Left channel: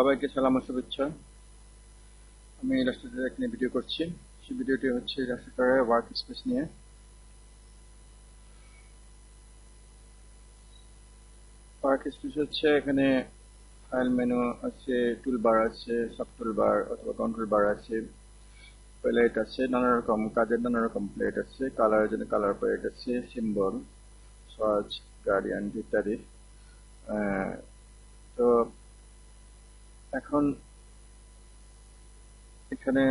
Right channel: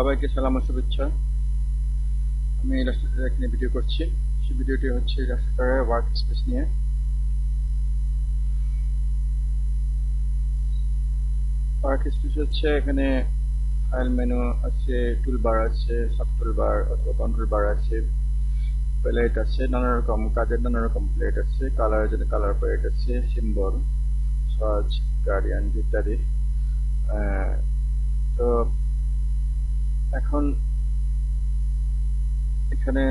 সবাইকে সালাম ও শুভেচ্ছা। আমি ইলাস্ট্রেটর এখানে ভিডিও করছি। সেই ভিডিওটি হচ্ছে ইলাস্ট্রেটরের ওয়ার্ক স্পেস নিয়ে। ওয়ার্ক স্পেস হচ্ছে এখানে ফাইল মেনু আছে, টুলবার আছে, সাব টুলবার অথবা কন্ট্রোল বার আছে, প্লেট আছে, নানা রকম কাজের নানা রকম প্লেট আছে, কালারের জন্য কালার প্লেট আছে, সিম্বল, সার্চ, গার্ডিয়ান ইত্যাদি। তো এখন এখানে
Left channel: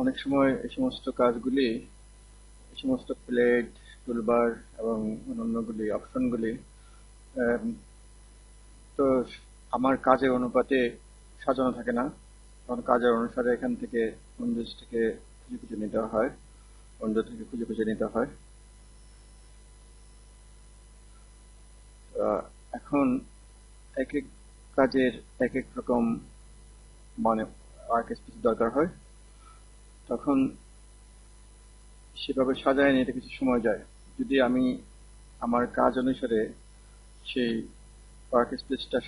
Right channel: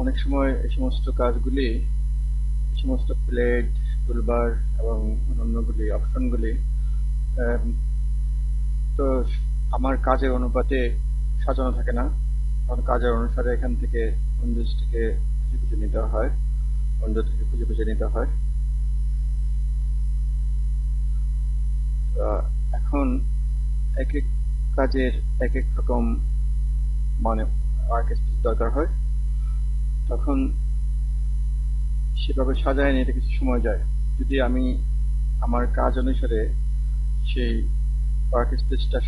অনেক সময় এই সমস্ত কাজগুলি, এই সমস্ত প্লেট, টুলবার এবং অন্যান্যগুলি অপশনগুলি তো আমার কাজের অনুপাতে সাজানো থাকে না, কারণ কাজের অনুসারে এখান থেকে উইন্ডোজ থেকে খুঁজে খুঁজে নিতে হয়, উইন্ডো থেকে খুঁজে খুঁজে নিতে হয়। এখন এক এক কাজের এক এক রকম মানে ওয়ার্ক স্পেস দরকার হয়, তখন সেভাবে সাজায় নিতে কিছু সময় যায়। যদি আমি আমার কাজ অনুসারে সেই ওয়ার্ক স্পেসটা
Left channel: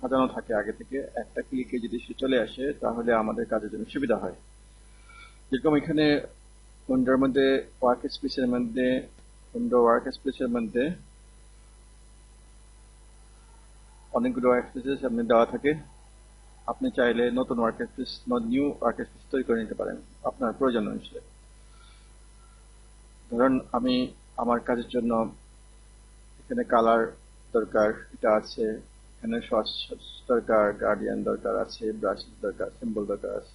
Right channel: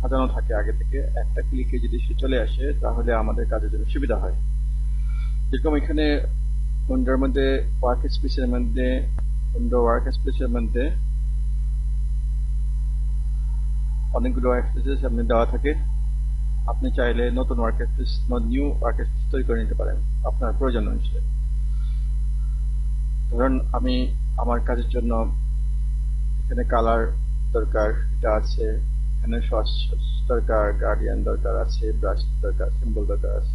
সাজানো থাকে আগে থেকে, একটা ক্লিকে যদি সে চলে আসে তাহলে আমাদের কাজের জন্য সুবিধা হয়। যেরকম এখানে উইন্ডোর মধ্যে উইন্ডো ওয়ার্ক স্পেসের মধ্যে অনেকগুলো ওয়ার্ক স্পেসের সামনে দেওয়া থাকে। আপনি চাইলে নতুন নিউ ওয়ার্ক স্পেস তৈরি করে নিতে পারেন আপনার প্রয়োজন অনুসারে। ধরুন আমি আমার কাজের জন্য এখানে কালার দরকার, এটা আছে, এখানে সস দরকার, গার্ডিয়ান দরকার আছে, ব্রাশ দরকার, সিম্বল দরকার আছে।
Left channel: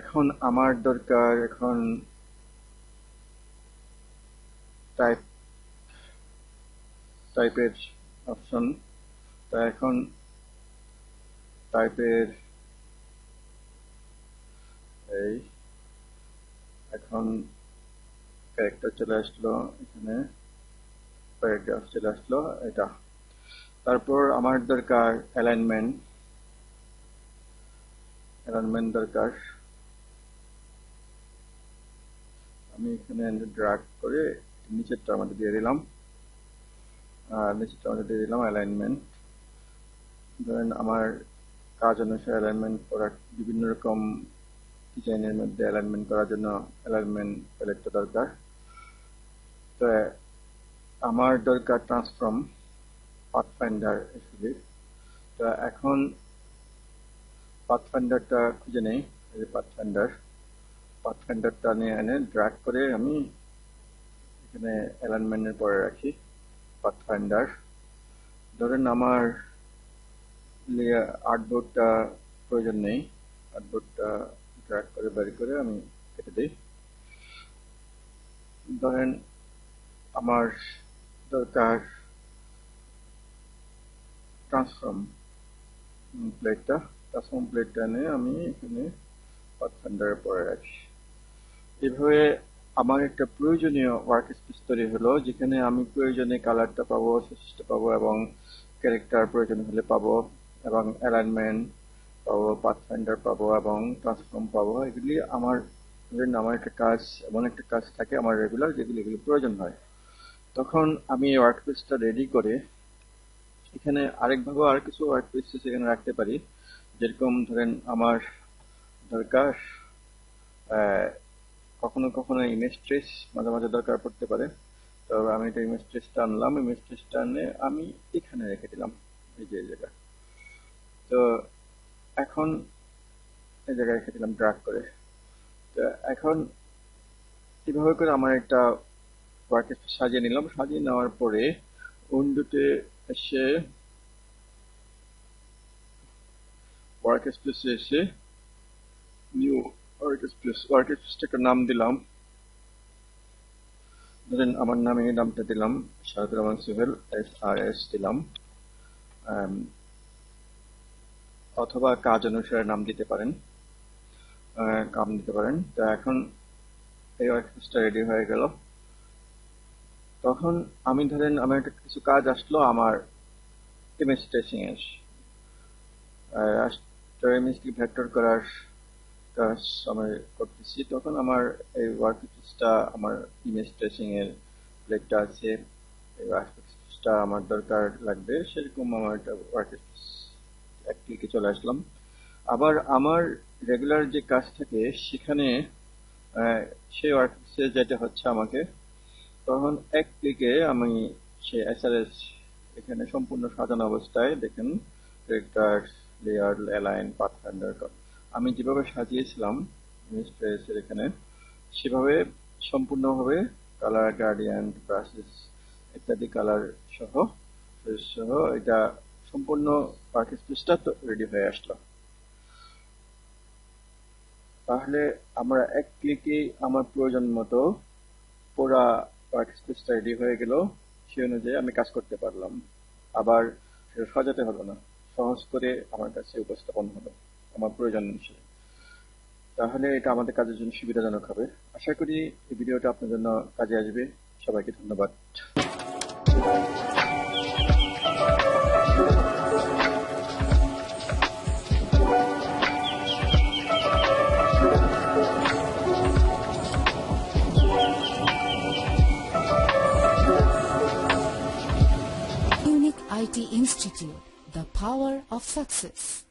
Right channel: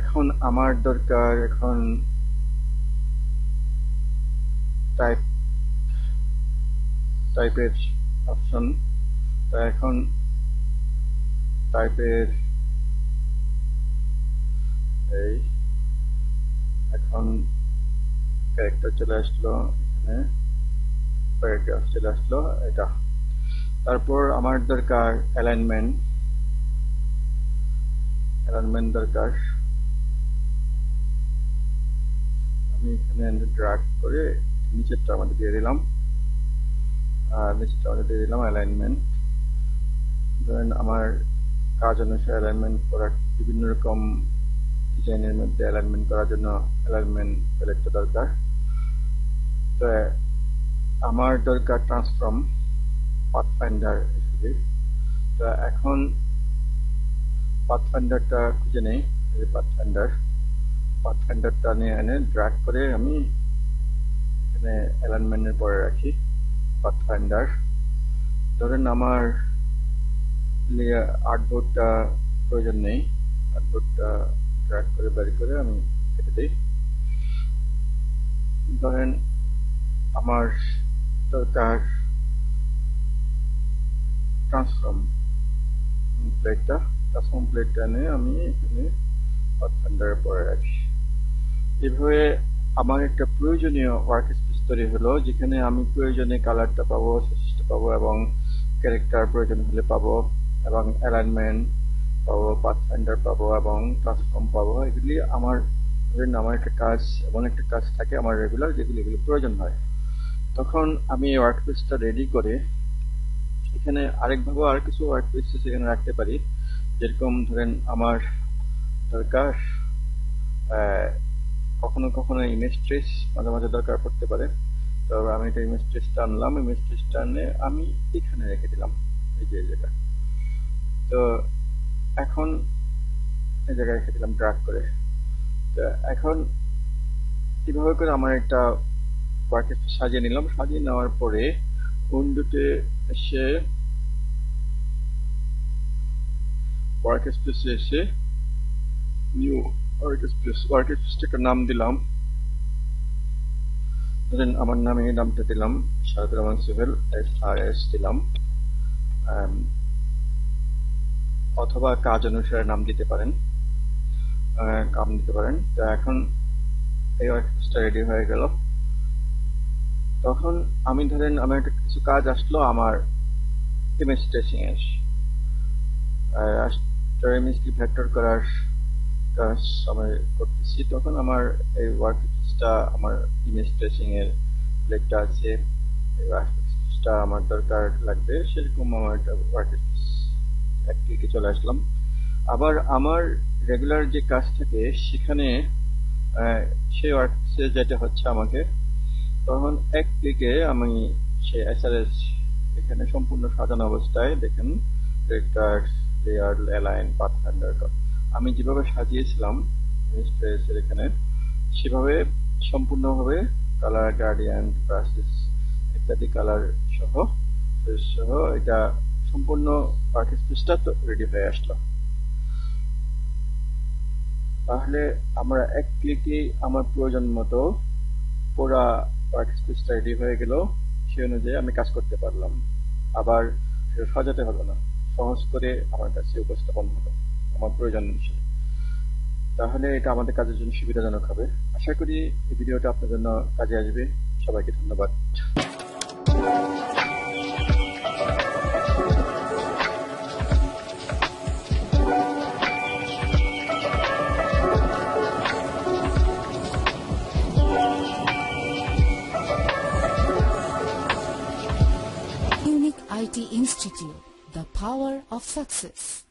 এখন আমার দরকার এখন টাইপের অপশন। তা এখন টাইপের এই এখন ক্যারেক্টার চলে আসলো, এখানে প্যারাগ্রাফ চলে আসলো এটা। তারপর আমার দরকার অ্যালাইনমেন্ট দরকার। আমি এখানে ড্র্যাগ করে নিচেরটা মধ্যে দিয়ে দিলাম, অ্যালাইনমেন্ট। ধরেন আমার কাজ অনুসারে অ্যালাইনমেন্ট করার বিভিন্ন রকম ডিজাইনের মধ্যে অ্যালাইনমেন্ট করার জন্য অ্যালাইনমেন্ট প্যালেটটা দরকার। তো আমার দরকার ট্রান্সফর্ম পাথফাইন্ডার হিসেবে। তো এখন পাথফাইন্ডারটা খুঁজে নেই, এই পাথফাইন্ডারটা নিয়ে এনে ড্র্যাগ করে আমি এখানে অ্যালাইনমেন্টের পরে রাখি পাথফাইন্ডার। ধরেন আমার আর্টবোর্ডটা প্রয়োজন নেই, আর্টবোর্ডটা ড্র্যাগ করে বের করে আমি কেটে দিই। ধরেন আমার দরকার ট্রান্সফর্ম প্লেটটা নিয়ে আমি এখানে পাথফাইন্ডারের পরে রাখি। এভাবে আমার একটা প্রয়োজনীয় ওয়ার্ক স্পেস তৈরি হলো, যেখানে আমি প্রয়োজনে কালারটা পাবো, সাইজটা পাবো, এবং ক্যারেক্টার প্রয়োজন হলে পাবো, এবং অ্যালাইনমেন্ট পাবো, পাথফাইন্ডার পাবো, এবং ট্রান্সফর্ম পাবো। এগুলি আমার একটা কাজ, এমন একটা কাজ থাকে আমার রেগুলার, এগুলি প্রয়োজন হয়। তখন আমি এই ওয়ার্ক স্পেসটা রেডি করে এখানে আরেকভাবে আর কিছু ওয়ার্ক স্পেস এখানে রাখতে পারি। যেরকম ধরেন আমার দরকার কখনো কখনো ইমেজ ট্রেস মাঝে মাঝে দরকার পড়তে পারে। তো আমি এটা ইমেজ ট্রেসটা আনলাম, ইমেজ ট্রেসটা আনে আমি এখানে রেখে দিলাম, এই যে জায়গায়। তো এখন এই জায়গায় রেখে দিলাম ড্র্যাগ করে। তো এখন কিভাবে করে আমার একটা ওয়ার্ক স্পেস সাজিয়ে নিলাম। সাজিয়ে নেওয়ার পরে উইন্ডোতে এসে ওয়ার্ক স্পেসে এসে নিউ ওয়ার্ক স্পেসটাকে নাম দিলাম। ধরেন আমার নামে নামটা দিলাম শাহাদুর রহমান সোহেল, SRS দিলাম, অথবা কাজ অনুসারে নাম দিতে পারেন। তো এখন এই ওয়ার্ক স্পেসটা রেডি হয়ে গেল। তখন আমি ধরেন আমার একটা কিছু কাজ আসলো আমার ইমেজ ট্রেসিং এর, ইমেজটি ভেক্টর করার কাজ আমি করতেছি। তখন আমার এই ওয়ার্ক স্পেসটা, আমার ইমেজ ট্রেসিং এর প্লেটটা আছে, এই ওয়ার্ক স্পেসটা আমার দরকার লাগবে, সেরকম আমার একটা ওয়ার্ক স্পেস এক ক্লিকে চলে আসলাম। আবার আমার রেগুলার যে কাজ থাকে সেখানে সেই ওয়ার্ক স্পেসে যেতে হচ্ছে আমাকে, তখন এক ক্লিকে আমি সেই এসআরএস এখানে সম্পূর্ণ সাজানো অবস্থায় দেখেন ক্যারেক্টার, লেয়ার, অ্যালাইন, পাথফাইন্ডার আমি যেভাবে সাজিয়েছিলাম স্পেসের এখানে সেভাবে সম্পূর্ণভাবে কালার গ্রেডিয়েন্ট, ব্রাশেস ইত্যাদি কালার সহ এটা সম্পূর্ণ ওয়ার্ক স্পেসটা তো রেডি হয়ে আসলো। তাহলে আমরা এক ক্লিকে আমার প্রয়োজন মতো পুরা ওয়ার্ক স্পেসটা রেডি হয়ে গেল, সেই অনুযায়ী আমি কাজ করতে পারলাম। আবার সাজাতে হলো না, সহজ করে আমার কাছে উপস্থাপন হলো আমার প্রয়োজন অনুসারে। তাহলে এটা আমাদের কাজের জন্য সুবিধাজনক হবে। আশা করি এই ভিডিওটা আপনার জন্য কাজে আসবে। সবাইকে ধন্যবাদ। Unique IT Institute, the power of success.